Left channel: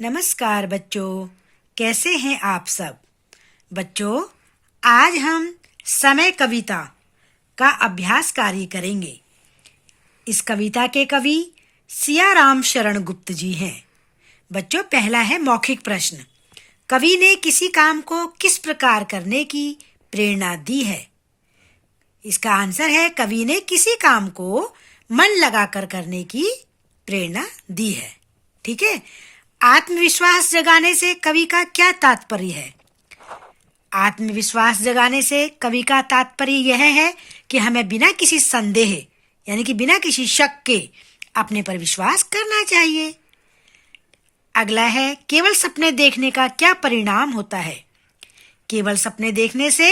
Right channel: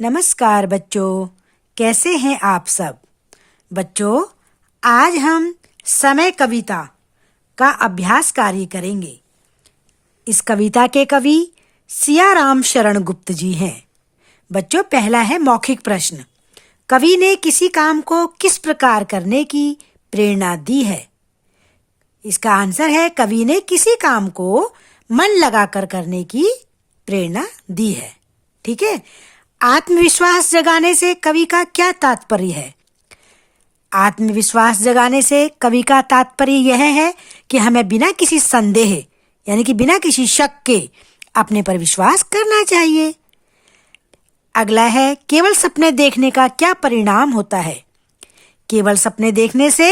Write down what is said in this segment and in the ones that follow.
नमस्कार बच्चों, कैसे हैं आप सब। बच्चों, आज हम समय कविता का अभ्यास कार्य करेंगे। इस कविता के कवि सियाराम शरण गुप्त जी हैं। बच्चों, पहला है मौखिक प्रश्न। कवि ने किसी काम को किस प्रकार करने की प्रेरणा दी है? इसका आंसर है कवि ने किसी काम को मन लगाकर करने की प्रेरणा दी है। ठीक है। आत्मविश्वास जगाने से कवि का क्या तात्पर्य है? आत्मविश्वास जगाने से कवि का तात्पर्य यह है कि हमें बिना किसी संदेह यानी कि बिना किसी शक के अपने पर विश्वास करना चाहिए। अगला है केवल सपने देखने का क्या परिणाम होता है? केवल सपने देखने से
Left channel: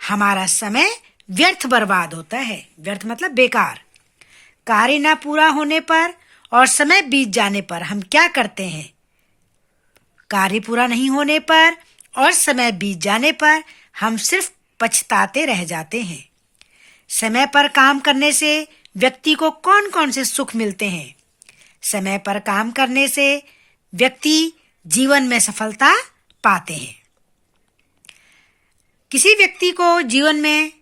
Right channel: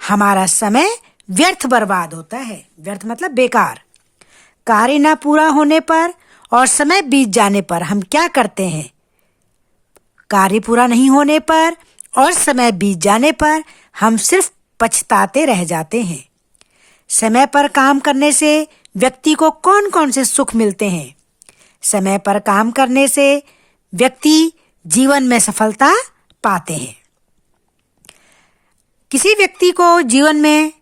हमारा समय व्यर्थ बर्बाद होता है। व्यर्थ मतलब बेकार। कार्य न पूरा होने पर और समय बीत जाने पर हम क्या करते हैं? कार्य पूरा नहीं होने पर और समय बीत जाने पर हम सिर्फ पछताते रह जाते हैं। समय पर काम करने से व्यक्ति को कौन कौन से सुख मिलते हैं? समय पर काम करने से व्यक्ति जीवन में सफलता पाते हैं। किसी व्यक्ति को जीवन में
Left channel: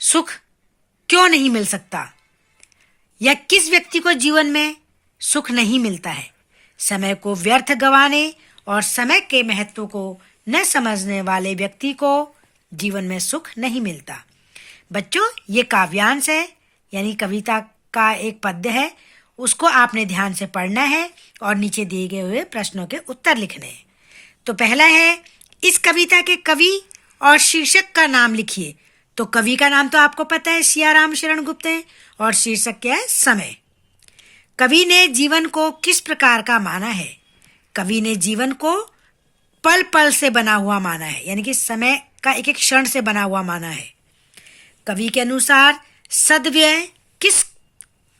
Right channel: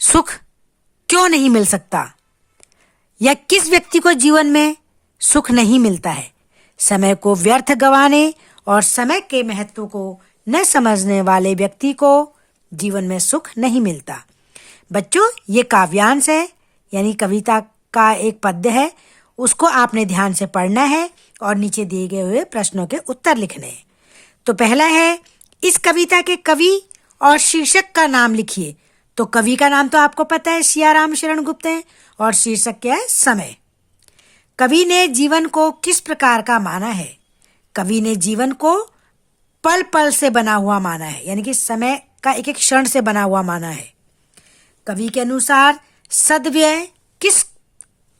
सुख क्यों नहीं मिल सकता, या किस व्यक्ति को जीवन में सुख नहीं मिलता है? समय को व्यर्थ गंवाने और समय के महत्व को न समझने वाले व्यक्ति को जीवन में सुख नहीं मिलता। बच्चों, ये काव्यांश है, यानी कविता का एक पद्य है। उसको आपने ध्यान से पढ़ना है और नीचे दिए गए हुए प्रश्नों के उत्तर लिखने हैं। तो पहला है, इस कविता के कवि और शीर्षक का नाम लिखिए। तो कवि का नाम तो आपको पता है, सियाराम शरण गुप्त है, और शीर्षक क्या है? समय। कवि ने जीवन को किस प्रकार का माना है? कवि ने जीवन को पल पल से बना हुआ माना है, यानी कि समय का एक एक क्षण से बना हुआ माना है। कवि के अनुसार सद्व्यय किस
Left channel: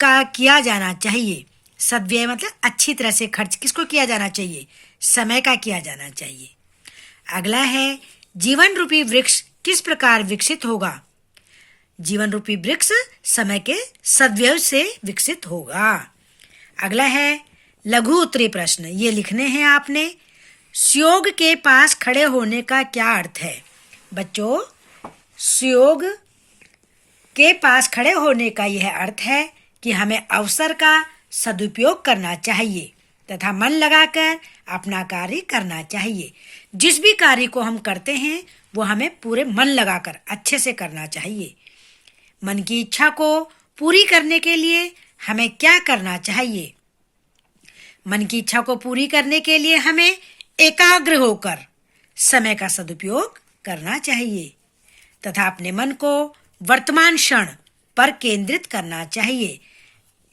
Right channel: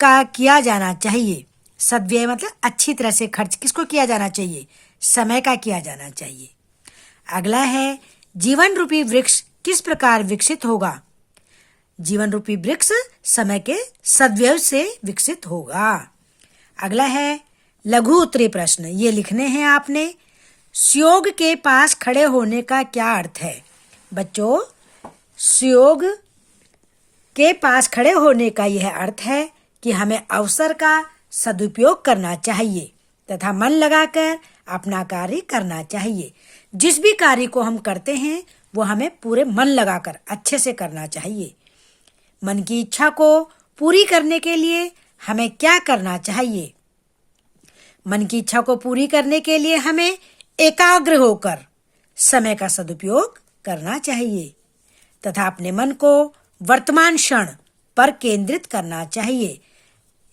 का किया जाना चाहिए? सद्व्यय मतलब अच्छी तरह से खर्च किसको किया जाना चाहिए? समय का किया जाना चाहिए। अगला है, जीवन रूपी वृक्ष किस प्रकार विकसित होगा? जीवन रूपी वृक्ष समय के सद्व्यय से विकसित होगा। अगला है लघु उत्तरी प्रश्न, ये लिखने हैं आपने। सुयोग के पास खड़े होने का क्या अर्थ है? बच्चों, सुयोग के पास खड़े होने का यह अर्थ है कि हमें अवसर का सदुपयोग करना चाहिए तथा मन लगाकर अपना कार्य करना चाहिए। जिस भी कार्य को हम करते हैं वो हमें पूरे मन लगाकर अच्छे से करना चाहिए। मन की इच्छा को पूरी करने के लिए हमें क्या करना चाहिए? मन की इच्छा को पूरी करने के लिए हमें एकाग्र होकर समय का सदुपयोग करना चाहिए तथा अपने मन को वर्तमान क्षण पर केंद्रित करना चाहिए।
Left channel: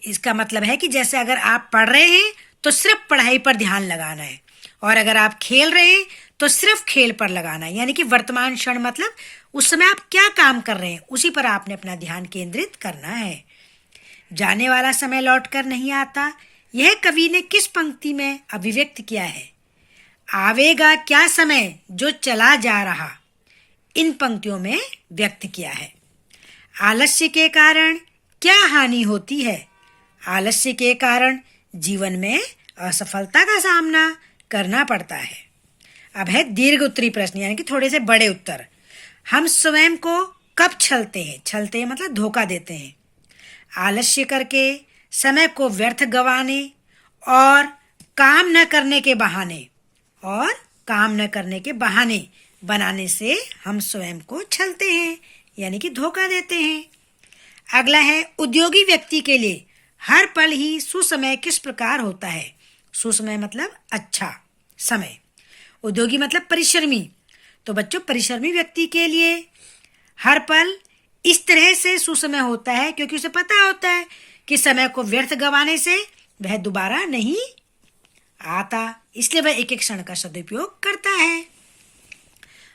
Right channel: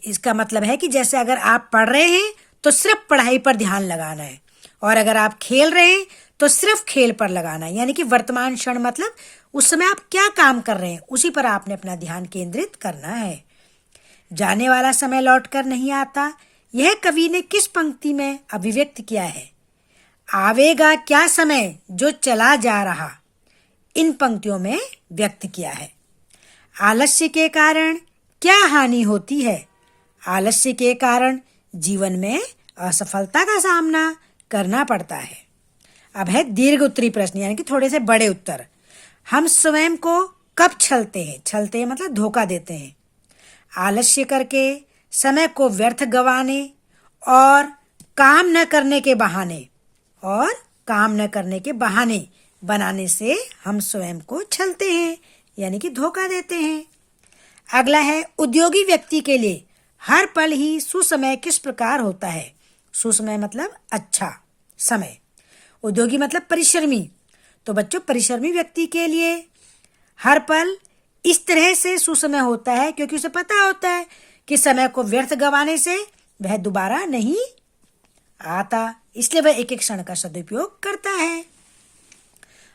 इसका मतलब है कि जैसे अगर आप पढ़ रहे हैं तो सिर्फ पढ़ाई पर ध्यान लगाना है, और अगर आप खेल रहे हैं तो सिर्फ खेल पर लगाना है। यानी कि वर्तमान क्षण मतलब उस समय आप क्या काम कर रहे हैं उसी पर आपने अपना ध्यान केंद्रित करना है। जाने वाला समय लौटकर नहीं आता, यह कवि ने किस पंक्ति में अभिव्यक्त किया है? आवेगा क्या समय जो चला जा रहा, इन पंक्तियों में व्यक्त किया है। आलस्य के कारण क्या हानि होती है? आलस्य के कारण जीवन में असफलता का सामना करना पड़ता है। अब है दीर्घ उत्तरी प्रश्न, यानी कि थोड़े से बड़े उत्तर। हम स्वयं को कब छलते हैं? छलते हैं मतलब धोखा देते हैं। आलस्य करके, समय को व्यर्थ गंवाने और काम न करने के बहाने बनाने से हम स्वयं को छलते हैं, यानी कि धोखा देते हैं। अगला है, उद्योगी व्यक्ति के लिए हर पल ही सुसमय किस प्रकार होता है? सुसमय मतलब अच्छा समय, उद्योगी मतलब परिश्रमी। तो बच्चों, परिश्रमी व्यक्ति के लिए हर पल इस तरह से सुसमय होता है क्योंकि उसे पता होता है कि समय को व्यर्थ गंवाने से वह दोबारा नहीं आता, इसलिए वह एक एक क्षण का सदुपयोग करता है।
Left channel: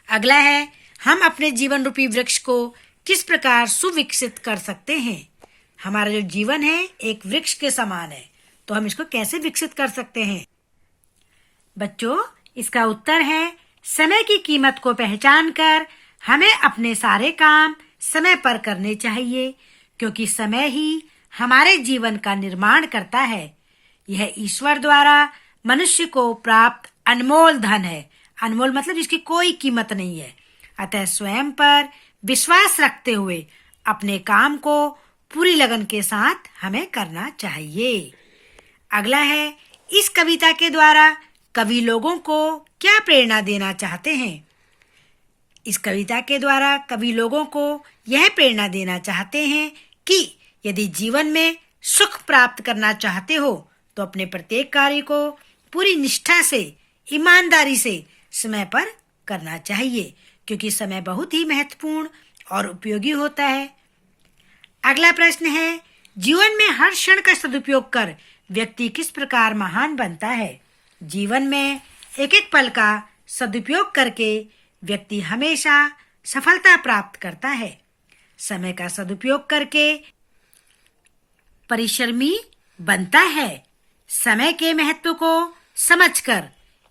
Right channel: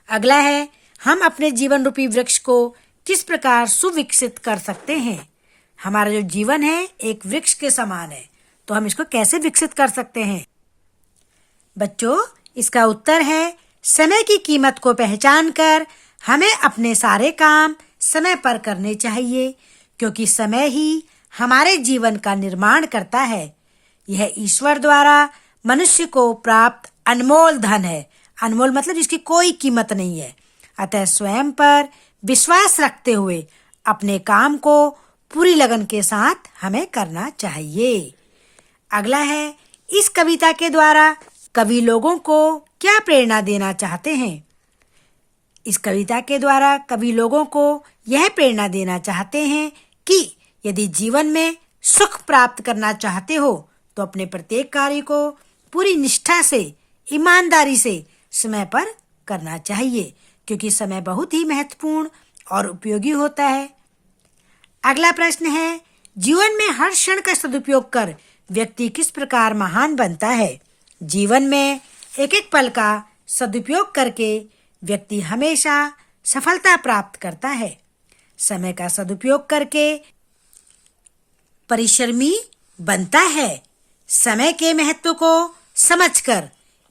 अगला है, हम अपने जीवन रूपी वृक्ष को किस प्रकार सुविकसित कर सकते हैं? हमारा जो जीवन है एक वृक्ष के समान है, तो हम इसको कैसे विकसित कर सकते हैं? बच्चों, इसका उत्तर है, समय की कीमत को पहचान कर हमें अपने सारे काम समय पर करने चाहिए, क्योंकि समय ही हमारे जीवन का निर्माण करता है। यह ईश्वर द्वारा मनुष्य को प्राप्त अनमोल धन है। अनमोल मतलब जिसकी कोई कीमत नहीं है। अतः स्वयं पर विश्वास रखते हुए अपने काम को पूरी लगन के साथ हमें करना चाहिए। अगला है, इस कविता के द्वारा कवि लोगों को क्या प्रेरणा देना चाहते हैं? इस कविता के द्वारा कवि लोगों को यह प्रेरणा देना चाहते हैं कि यदि जीवन में सुख प्राप्त करना चाहते हो तो अपने प्रत्येक कार्य को पूरी निष्ठा से, ईमानदारी से समय पर करना चाहिए, क्योंकि समय बहुत ही महत्वपूर्ण और उपयोगी होता है। अगला प्रश्न है, जीवन में हर क्षण का सदुपयोग कर व्यक्ति किस प्रकार महान बनता है? जीवन में एक एक पल का सदुपयोग करके व्यक्ति हमेशा सफलता प्राप्त करता है। समय का सदुपयोग करके परिश्रमी बनता है। समय के महत्व को समझकर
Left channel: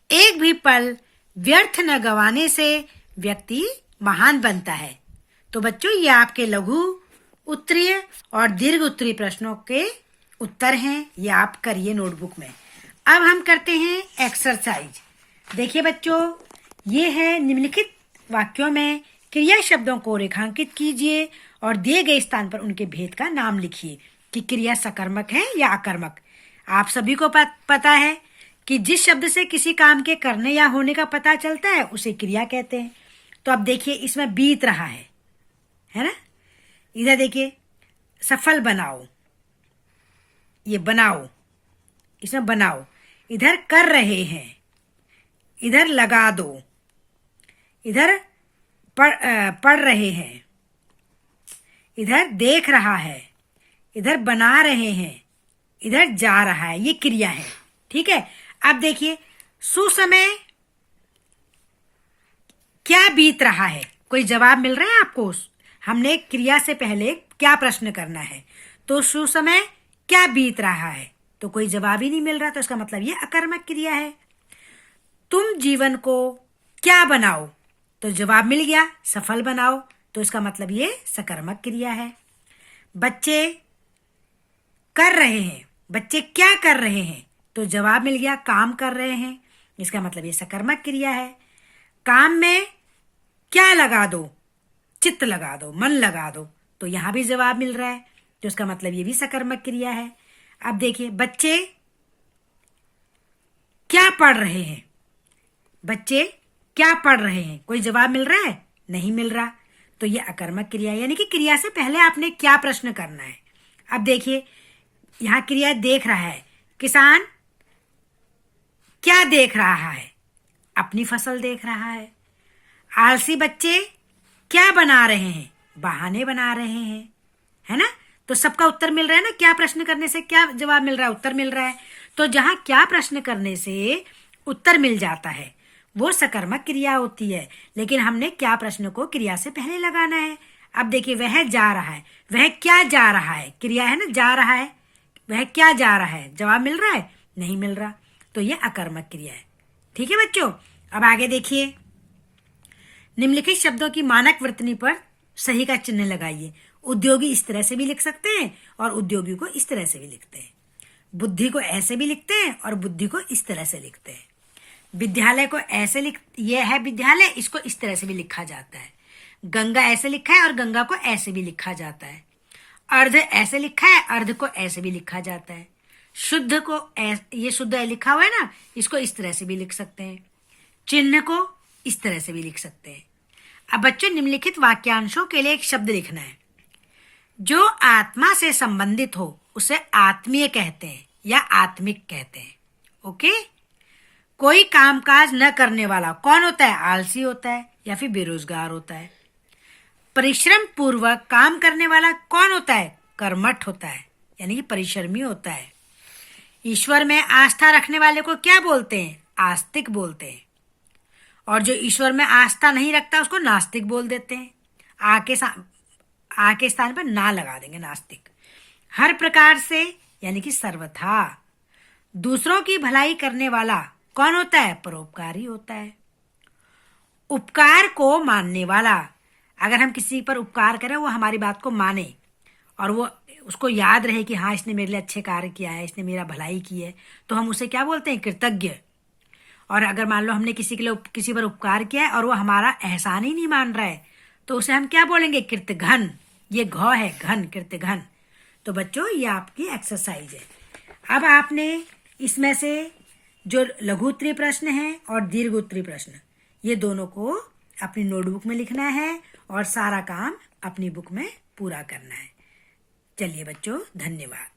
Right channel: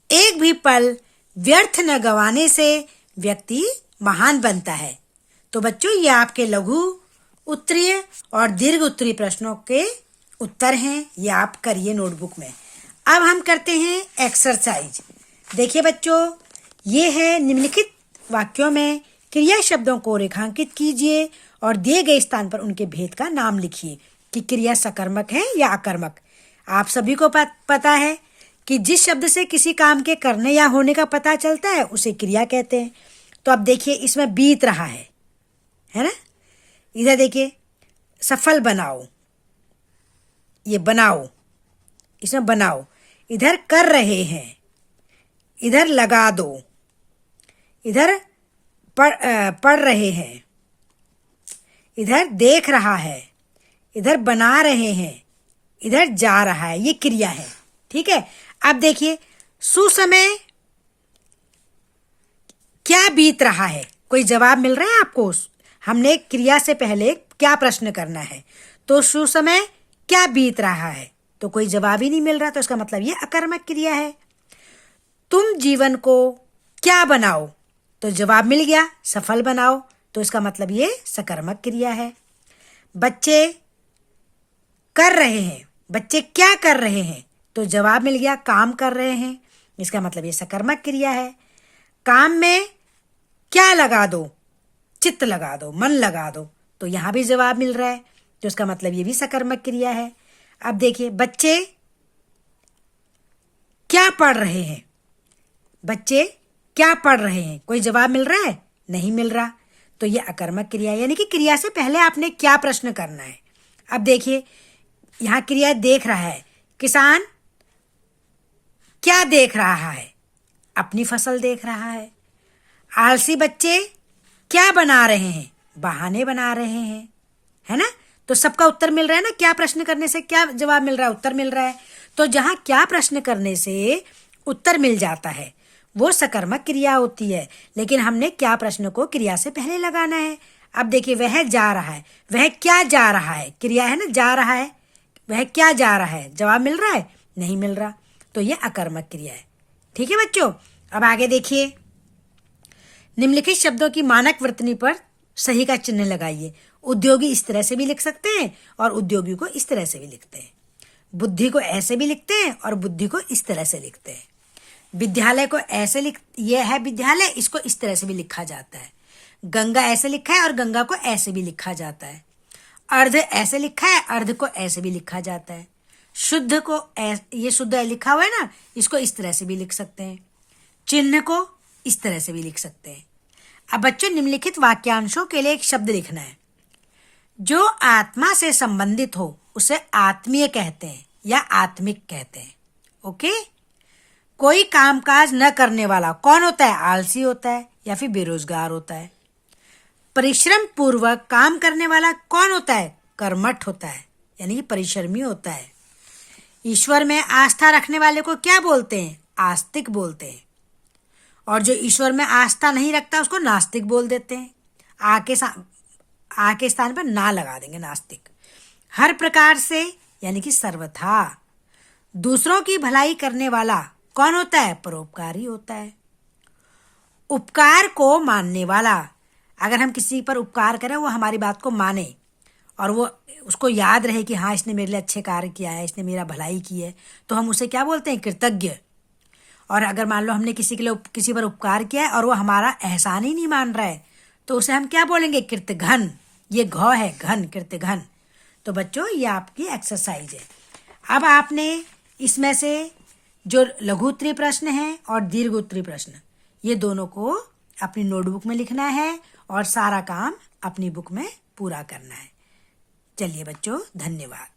एक भी पल व्यर्थ न गंवाने से व्यक्ति महान बनता है। तो बच्चों, ये आपके लघु उत्तरीय और दीर्घ उत्तरीय प्रश्नों के उत्तर हैं। ये आप करिए नोटबुक में। अब हम करते हैं एक्सरसाइज। देखिए बच्चों, ये है निम्नलिखित वाक्यों में क्रिया शब्दों को रेखांकित कीजिए और दिए गए स्थान पर उनके भेद का नाम लिखिए कि क्रिया सकर्मक है या अकर्मक। आप सभी को पता है कि जिस शब्द से किसी काम के करने या होने का पता चलता है उसे क्रिया कहते हैं। तो अब देखिए, इसमें बीत रहा है ना। इधर देखिए, सफल बनाओ, ये बनाओ, इसमें बनाओ। इधर कर रहे हैं, इधर लगा दो। इधर पढ़ रहे हैं, इधर देख रहा है, इधर बना रहे हैं, इधर जा रहा है। ये क्रिया है, ठीक है। अब देखिए, सुसमय क्या बीत रहा है? कोई जवाब मिल रहा है आपको? हमने क्रिया से पहले क्या प्रश्न करना है, तो सुसमय क्या बीत रहा है, तो कोई जवाब ही नहीं मिल रहा, तो इसका मतलब ये अकर्मक क्रिया है। तुम जीवन को क्या बनाओ, तो जवाब मिल गया सफल बनाओ, तो इसका मतलब ये सकर्मक क्रिया है। बच्चे कर रहे हैं, बच्चे क्या कर रहे हैं, तो जवाब मिल गया काम कर रहे हैं, इसका मतलब ये सकर्मक क्रिया है। काम में क्या लगा दो, चित्त लगा दो, मन लगा दो, तो यहां भी जवाब मिल रहा है, तो इसका मतलब ये भी सकर्मक क्रिया है। अब देखिए, बच्चे क्या पढ़ रहे हैं, बच्चे क्या पढ़ रहे हैं, कोई जवाब मिल रहा है? नहीं मिल रहा, तो ये अकर्मक क्रिया है। यानी कि क्रिया से पहले आपने क्या प्रश्न करना है। अब देखिए, यहाँ क्रिया देख रहा है, किसान क्या देख रहा है, अपनी फसल देख रहा है। आलसी बच्चे क्या बना रहे हैं, बहाने बना रहे हैं, है ना। तो सबका उत्तर मिल रहा है ना, क्या प्रश्न करने से क्या जवाब मिल रहा है, उत्तर मिल रहा है। तो जहां क्या प्रश्न करने से उत्तर मिल जाता है वो सकर्मक क्रिया होती है, लेकिन हमने क्या प्रश्न को क्रिया से पहले लगाना है। अब देखिए, वह जा रहा है, वह क्या जा रहा है, क्रिया है ना, जा रहा है, वह क्या जा रहा है, जवाब मिल रहा है? नहीं मिल रहा, तो ये अकर्मक क्रिया है। ठीक है बच्चों, अब आगे देखिए, निम्नलिखित शब्दों की मानक वर्तनी पर सही का चिन्ह लगाइए। उद्योगी इस तरह से भी लिख सकते हैं और उद्योगी को इस तरह से भी लिखते हैं। बुद्धि को ऐसे भी लिखते हैं और बुद्धि को इस तरह से लिखते हैं। विद्यालय को ऐसे ये है विद्यालय, इसको इस तरह से भी लिखा जाता है। गंगा ऐसे लिखा है और गंगा को ऐसे भी लिखा जाता है। अर्ध ऐसे लिखा है, अर्ध को ऐसे भी लिखा जाता है। शुद्ध को ये शुद्ध लिखा हुआ है ना, इसको इस तरह से भी लिख सकते हैं। चिन्ह को इस तरह से भी लिख सकते हैं। अब बच्चों, निम्नलिखित वाक्यांशों के लिए एक शब्द लिखना है। जो आत्मा से संबंधित हो उसे आत्मीय कहते हैं या आत्मिक कहते हैं। ओके। कोई कामकाज न करने वाला कौन होता है? आलसी होता है या फिर बेरोजगार होता है। परिश्रम पूर्वक काम करने वाला कौन होता है? कर्मठ होता है, यानी कि परिश्रमी होता है। ईश्वर में आस्था रखने वाले को क्या बोलते हैं? आस्तिक बोलते हैं। और जो ईश्वर में आस्था नहीं रखता उसको नास्तिक बोल देते हैं। आ के स्थान पर ना लगा देंगे, नास्तिक। हर प्रकार से यानी कि सर्वथा। दूसरों की भलाई करने वाला कौन होता है? परोपकारी होता है। उपकार को मानने वाला, अगर हम किसी पर उपकार करें वो हमारी बात को माने और वो उसको याद रहे कि हाँ इसने मेरे लिए अच्छे कार्य किया है, इसने मेरा भलाई की है, तो हम उसे क्या बोलते हैं? कृतज्ञ। और अगर मान लो हमने किसी के लिए किसी पर उपकार किया है और वो हमारा एहसान ही नहीं मान रहा है, तो उसे हम क्या बोलेंगे? कृतघ्न। ये घ है, घन, कृतघ्न। तो बच्चों ये आपकी एक्सरसाइज है। अब आपने इसमें से जो लघु उत्तरीय प्रश्न है और दीर्घ उत्तरीय प्रश्न, ये दोनों को अपनी नोटबुक में लिखना है और सारा काम अपनी बुक में पूरा करना है। चलिए बच्चों, धन्यवाद।